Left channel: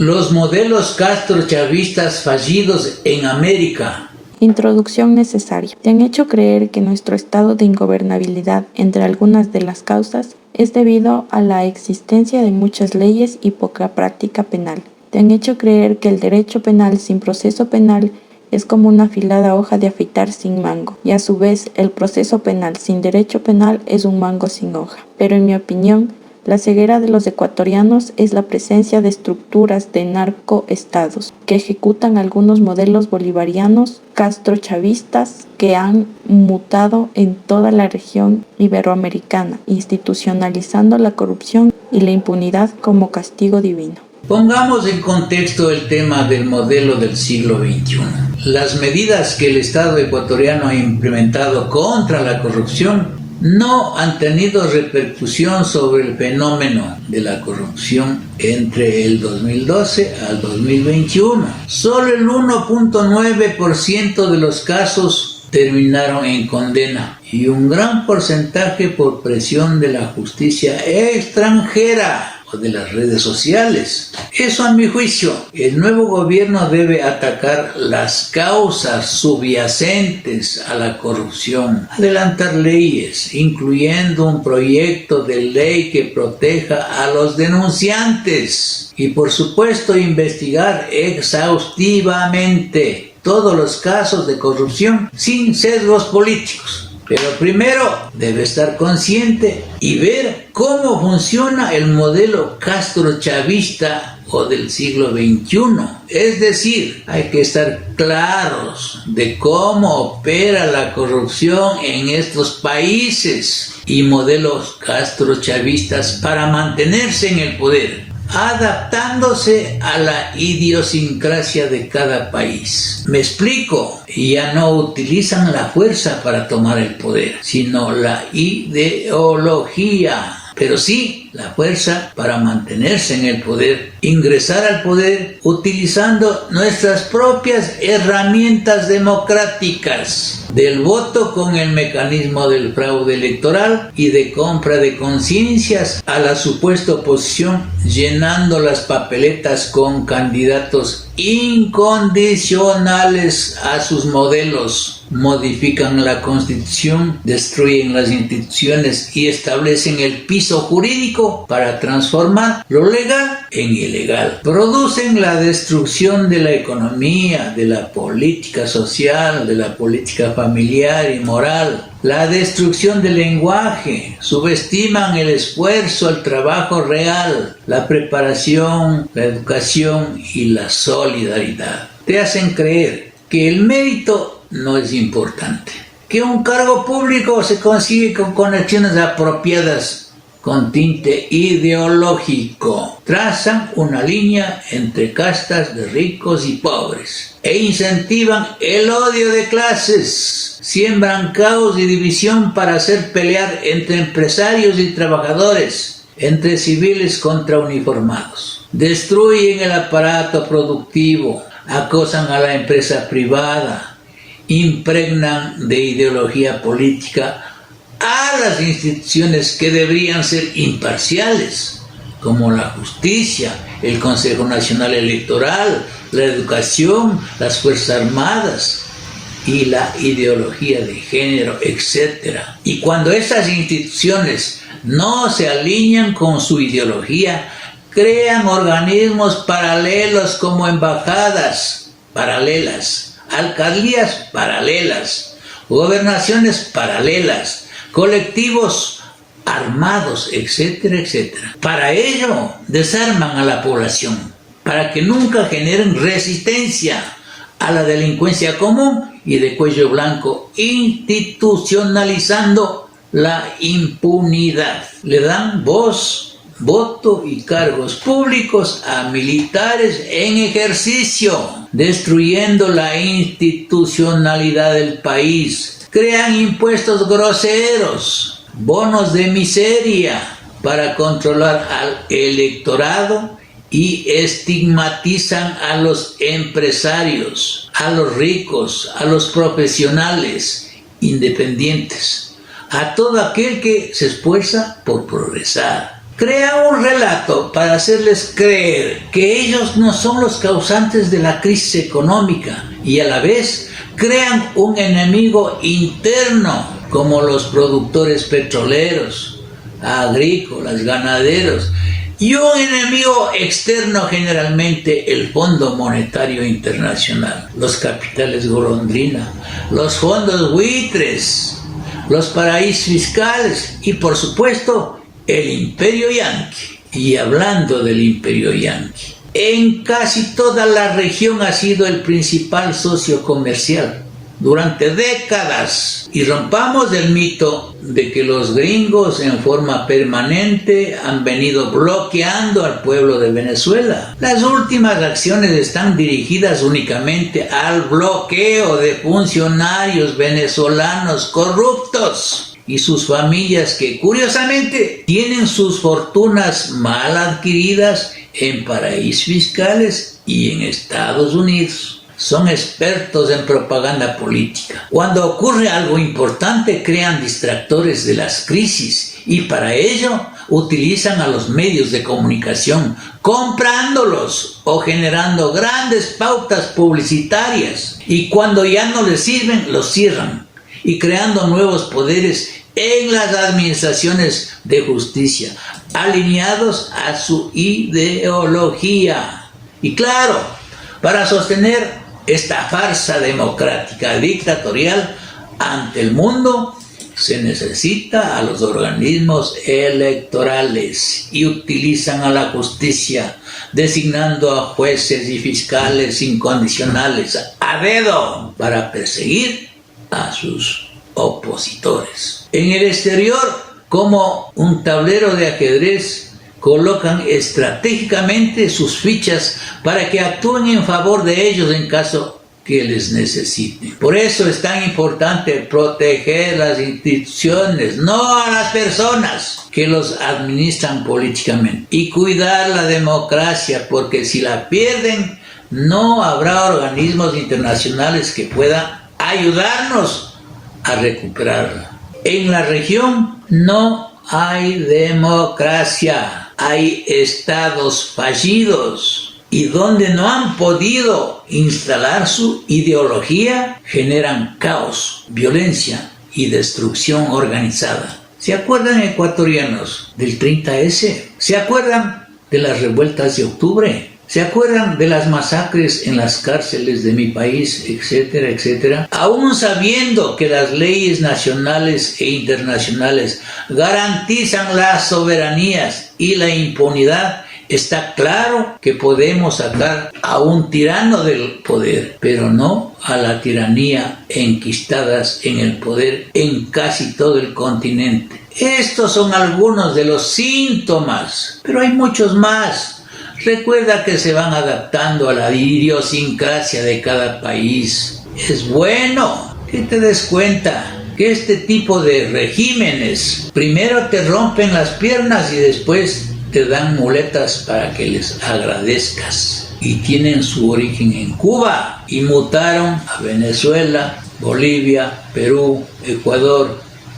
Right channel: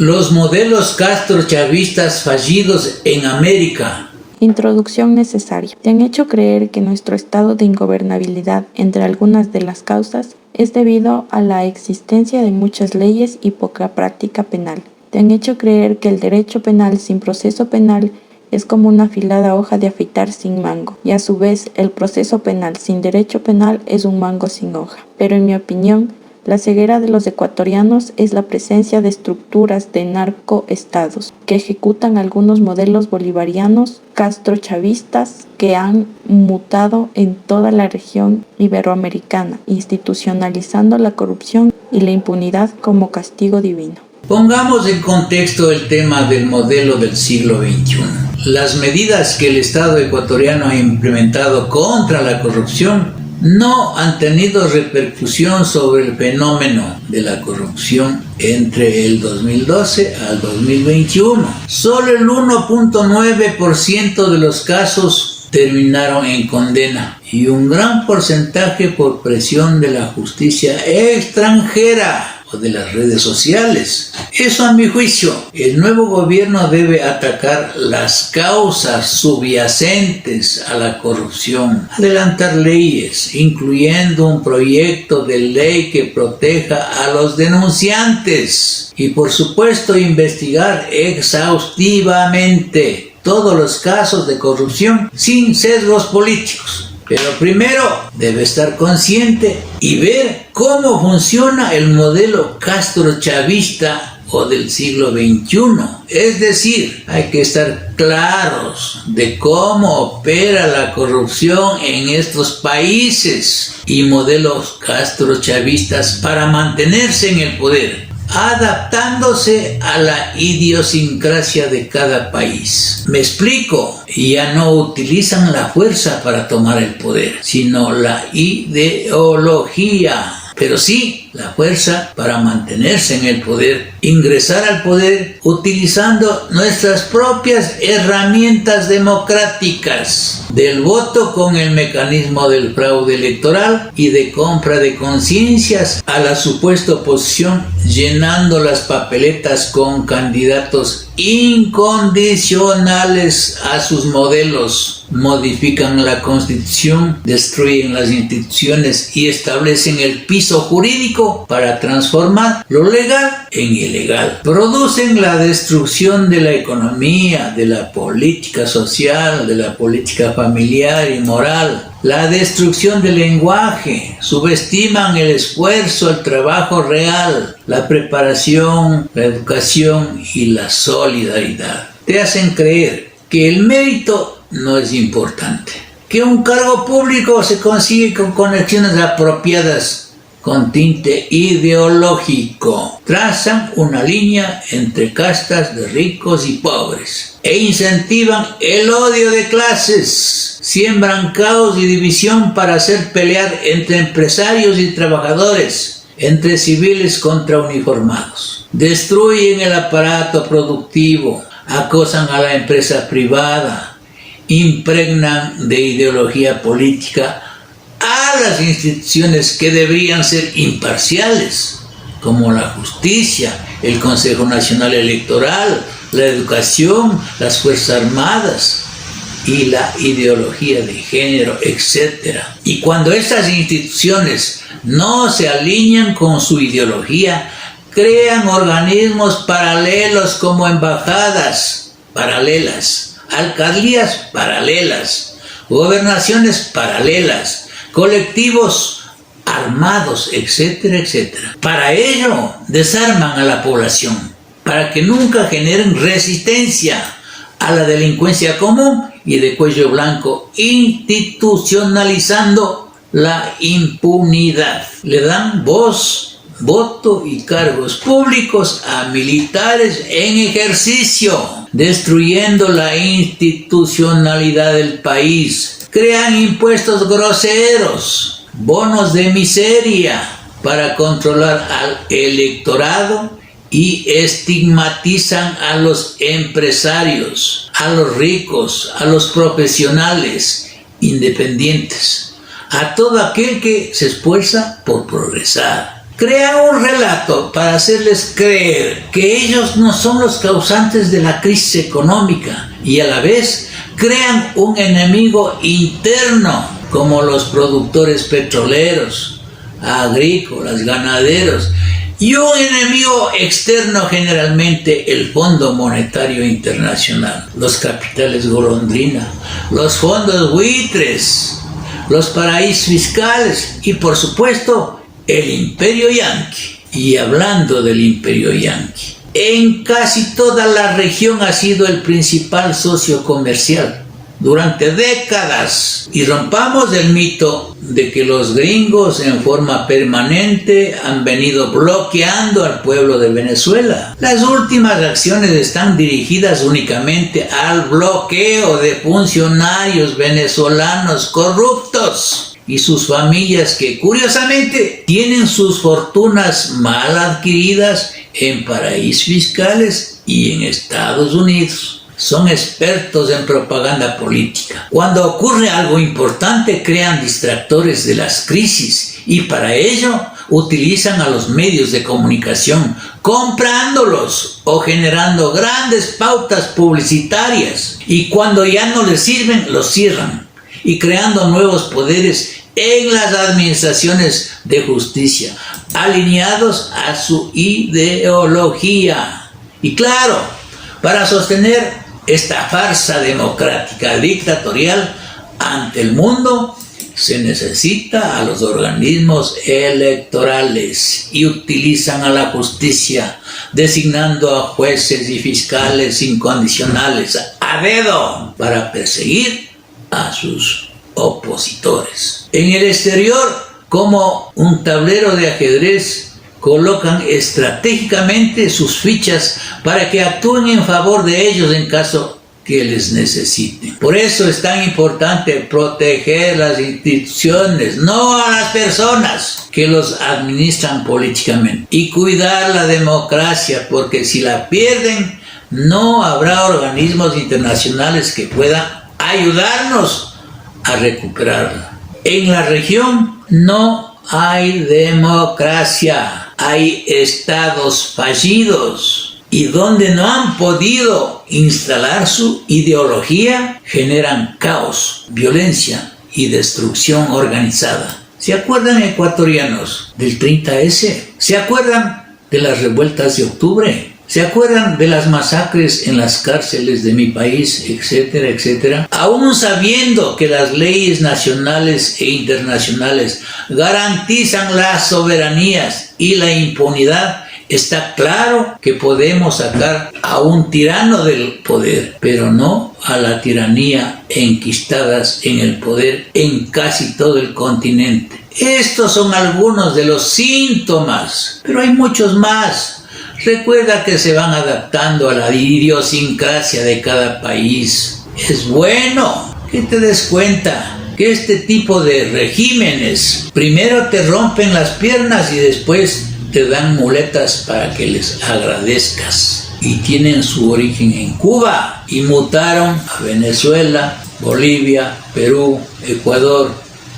Los modelos castrochavistas fallidos en América. Introducción necesaria. Te han hecho creer que nuestro estado de ingobernabilidad, entre algunas de las causas, es debido a la existencia de muchas leyes y poca práctica penal. Te han hecho creer que el derecho penal sin proceso penal es como una afilada hoja de afeitar sin mango, y a su vez el proceso penal sin derecho penal es un mango sin hoja. Pero en mi opinión, la ceguera de los ecuatorianos es la presencia de estructuras de narcoestados que ejecutan algunos modelos bolivarianos castrochavistas que han mutado en toda la región iberoamericana, institucionalizando la corrupción y la impunidad como castigo divino. Pongamos en contexto el tema del modelo del siglo XXI. Las medidas que el Estado ecuatoriano ha implementado contra la corrupción no han tenido repercusión sobre el fenómeno de la corrupción entre el 2012 al 2021. Solo el 1.9% de los casos terminaron en condena y un gran porcentaje por presión de la justicia extranjera o de las redes sociales. Eso, a mi juicio, el nuevo gobierno debe atacar las causas subyacentes a la corrupción, adelantar leyes, incluyendo un proyecto de ley que proteja a los denunciantes y, por supuesto, investigar exhaustivamente todos los casos de corrupción sin sesgos políticos. Pero primero debe estar consciente y ver cómo funciona el modelo castrochavista o del siglo XXI. Es decir, hay que estar claros de cómo opera la corrupción en estos países y modelos castrochavistas para mantenerse en el poder, adaptándose a la idiosincrasia de cada país. Me explico, ya no utilizan la fuerza para tomar el poder, sino la ideología, pero sí la fuerza para mantenerse en el poder, ingresar al poder utilizando nuestras propias herramientas democráticas, del voto con el mecanismo del fraude electoral y de compra de conciencias a la supuesta oposición, llenando las papeletas con candidatos incondicionales a sus modelos. Modifican la Constitución, destruyen las instituciones y establecen el piso jurídico para transformar lo legal en ilegal. Producen la destrucción de la economía, de la política social, de la política familiar y moral, la destrucción del lenguaje, subestiman el esfuerzo, el trabajo real, la preparación, la educación y la solidaridad. Te hacen creer que el mérito no es importante, que un cargo público se consigue con conexiones apropiadas, con tinte ideológico. Trazan una línea entre castas de ricos y pobres e incentivan el odio de clases. Siembran caos y división para hacer pelear entre empresarios y trabajadores, entre civiles contra uniformados. Destruyen el aparato productivo, acosan a la empresa privada, impregnan de ideología política a las instituciones que deberían ser imparciales, como la justicia, el Consejo Nacional Electoral, la educación, las Fuerzas Armadas y la ideología de género, etc. Y cuando estas instituciones no se alinean con su ideología, crean organismos paralelos como embajadas paralelas, alcaldías paralelas, gobernaciones paralelas, colectivos armados, etcétera, etcétera. Para ello desarman a la población, para que nunca generen resistencia a la delincuencia común y de cuello blanco, institucionalizando la impunidad. Le dan voz, voto y cargos públicos a militares en ejercicio, destruyendo la institucionalidad del país. Crean impuestos groseros, bonos de miseria para controlar al electorado y estigmatizan a los empresarios, a los ricos, a los profesionales independientes, a todo aquel que se esfuerza por progresar. Crean un relato para hacerles creer que ellos no son los causantes de la crisis económica y a la vez crean un enemigo interno como los productores petroleros, agrícolas, ganaderos, y un enemigo externo, generalmente el Fondo Monetario Internacional, los capitales golondrina, los fondos buitres, los paraísos fiscales y por supuesto el imperio yanqui. Y hablando del imperio yanqui, en casi toda la región ha sido el principal socio comercial durante décadas. Y rompamos el mito de que los gringos en forma permanente han venido bloqueando al pueblo de Venezuela. Las últimas acciones están dirigidas únicamente al bloqueo de funcionarios venezolanos corruptos y sus familias que curiosamente tienen sus fortunas mal adquiridas en paraísos fiscales y en Estados Unidos. Son expertos en propaganda política. Cuando ocurre algo importante, crean distractores de las crisis y para ello utilizan a los medios de comunicación, comprándolos o generando grandes pautas publicitarias. Y cuando ya no les sirven, los cierran y creando nuevos poderes en las administraciones de justicia, alineados a su ideología. Y claro, para sostener esta farsa democrática dictatorial ante el mundo, se necesita a los organismos electorales y utilizan a la justicia, designando a jueces y fiscales incondicionales a dedo para perseguir a sus opositores. En el exterior, como un tablero de ajedrez, colocan estratégicamente sus fichas para que actúen en favor de ellos en caso que les necesiten. Por eso es tan importante proteger las instituciones, no a las personas que los administran políticamente, y cuidar la democracia, porque si la pierden, no habrá organismos internacionales que puedan ayudarnos a recuperarla. En la región no hay democracia. Hay estados fallidos y donde no han podido instalar su ideología, generan caos, violencia y destrucción organizada. ¿Se acuerdan, ecuatorianos, del 30S? ¿Se acuerdan de las revueltas de octubre? ¿Se acuerdan de las masacres en las cárceles de mi país, etcétera, etcétera? Aún sabiendo que las leyes nacionales e internacionales garantizan las soberanías y la impunidad, está claro que podemos sacar a un tirano del poder, pero no a la tiranía enquistadas en el poder en casi todo el continente. Estos son algunos de los síntomas, pero hay muchos más. Recuerda que se van adaptando a la idiosincrasia de cada país. Es bueno que te des cuenta que este tipo de regímenes primero te rompen las piernas y después te dan muletas para que les agradezcas. Y tienen su origen en Cuba y mutaron a Venezuela, Bolivia, Perú, Ecuador,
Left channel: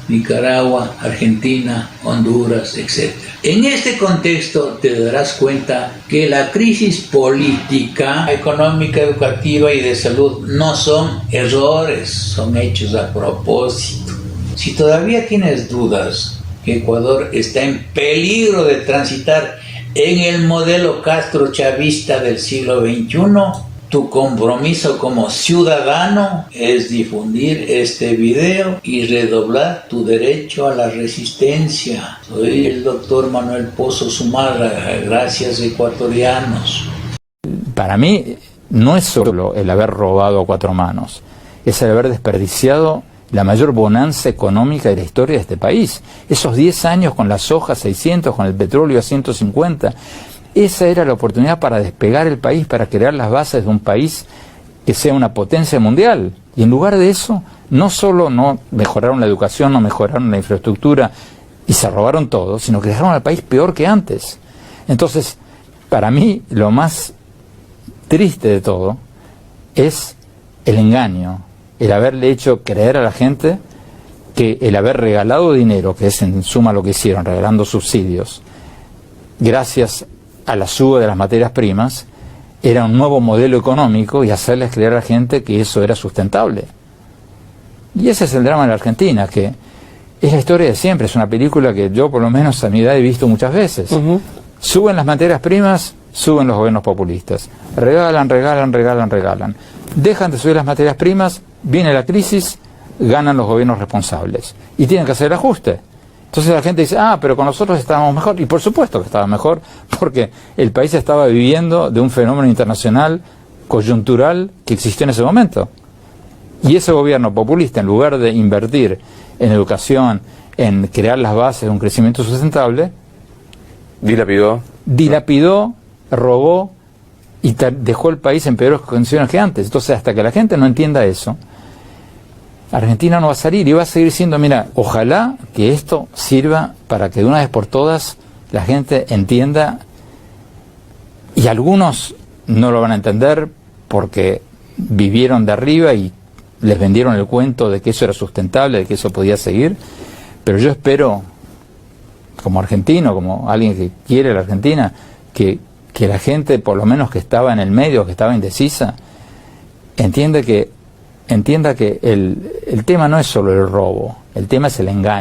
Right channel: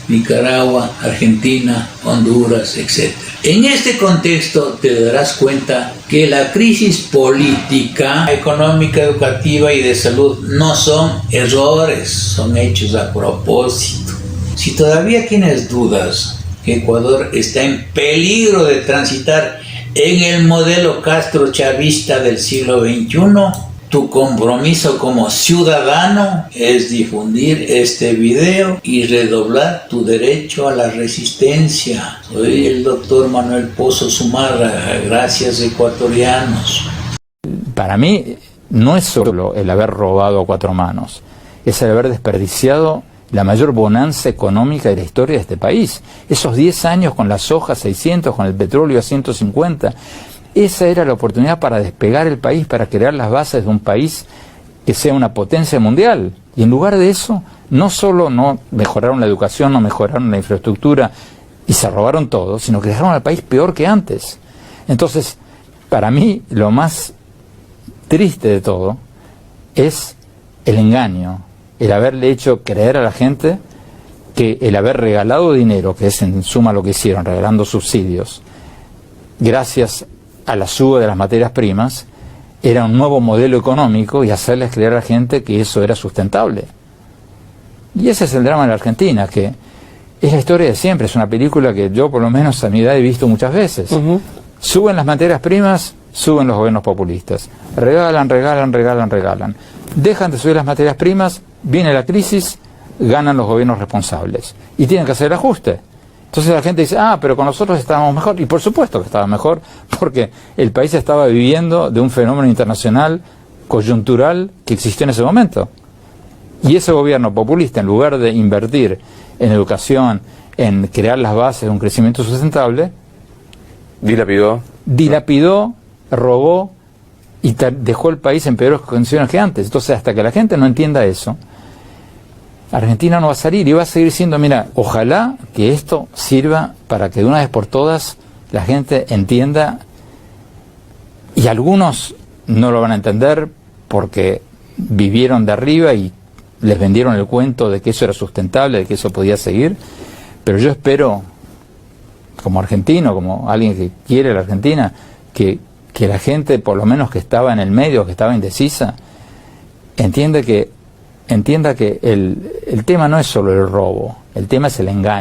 Nicaragua, Argentina, Honduras, etc. En este contexto te darás cuenta que la crisis política, económica, educativa y de salud no son errores, son hechos a propósito. Si todavía tienes dudas que Ecuador está en peligro de transitar en el modelo castrochavista del siglo XXI, tu compromiso como ciudadano es difundir este video y redoblar tu derecho a la resistencia. Soy el doctor Manuel Pozo Zumarra. Gracias, ecuatorianos. Para mí no es solo el haber robado a cuatro manos, es el haber desperdiciado la mayor bonanza económica de la historia de este país. Esos 10 años con la soja a 600, con el petróleo a 150... esa era la oportunidad para despegar el país, para crear las bases de un país que sea una potencia mundial. Y en lugar de eso, no solo no mejoraron la educación, no mejoraron la infraestructura y se robaron todo, sino que dejaron al país peor que antes. Entonces, para mí, lo más triste de todo es el engaño, el haberle hecho creer a la gente que el haber regalado dinero, que es en suma lo que hicieron, regalando subsidios, gracias a la suba de las materias primas, era un nuevo modelo económico y hacerles creer a la gente que eso era sustentable. Y ese es el drama de la Argentina, que es la historia de siempre, es una película que yo por lo menos a mi edad he visto muchas veces. Suben las materias primas, suben los gobiernos populistas. Regalan, regalan, regalan, regalan. Dejan de subir las materias primas, viene la crisis, ganan los gobiernos responsables. Y tienen que hacer el ajuste. Entonces la gente dice, pero con nosotros estábamos mejor. Y por supuesto que estaba mejor, porque el país estaba viviendo de un fenómeno internacional coyuntural que existió en ese momento. Y ese gobierno populista, en lugar de invertir en educación, en crear las bases de un crecimiento sustentable, dilapidó, robó y dejó el país en peores condiciones que antes. Entonces, hasta que la gente no entienda eso, Argentina no va a salir y va a seguir siendo, mira, ojalá que esto sirva para que de una vez por todas la gente entienda, y algunos no lo van a entender porque vivieron de arriba y les vendieron el cuento de que eso era sustentable, de que eso podía seguir, pero yo espero, como argentino, como alguien que quiere la Argentina, que la gente, por lo menos que estaba en el medio, que estaba indecisa, entienda que el tema no es solo el robo, el tema es el engaño.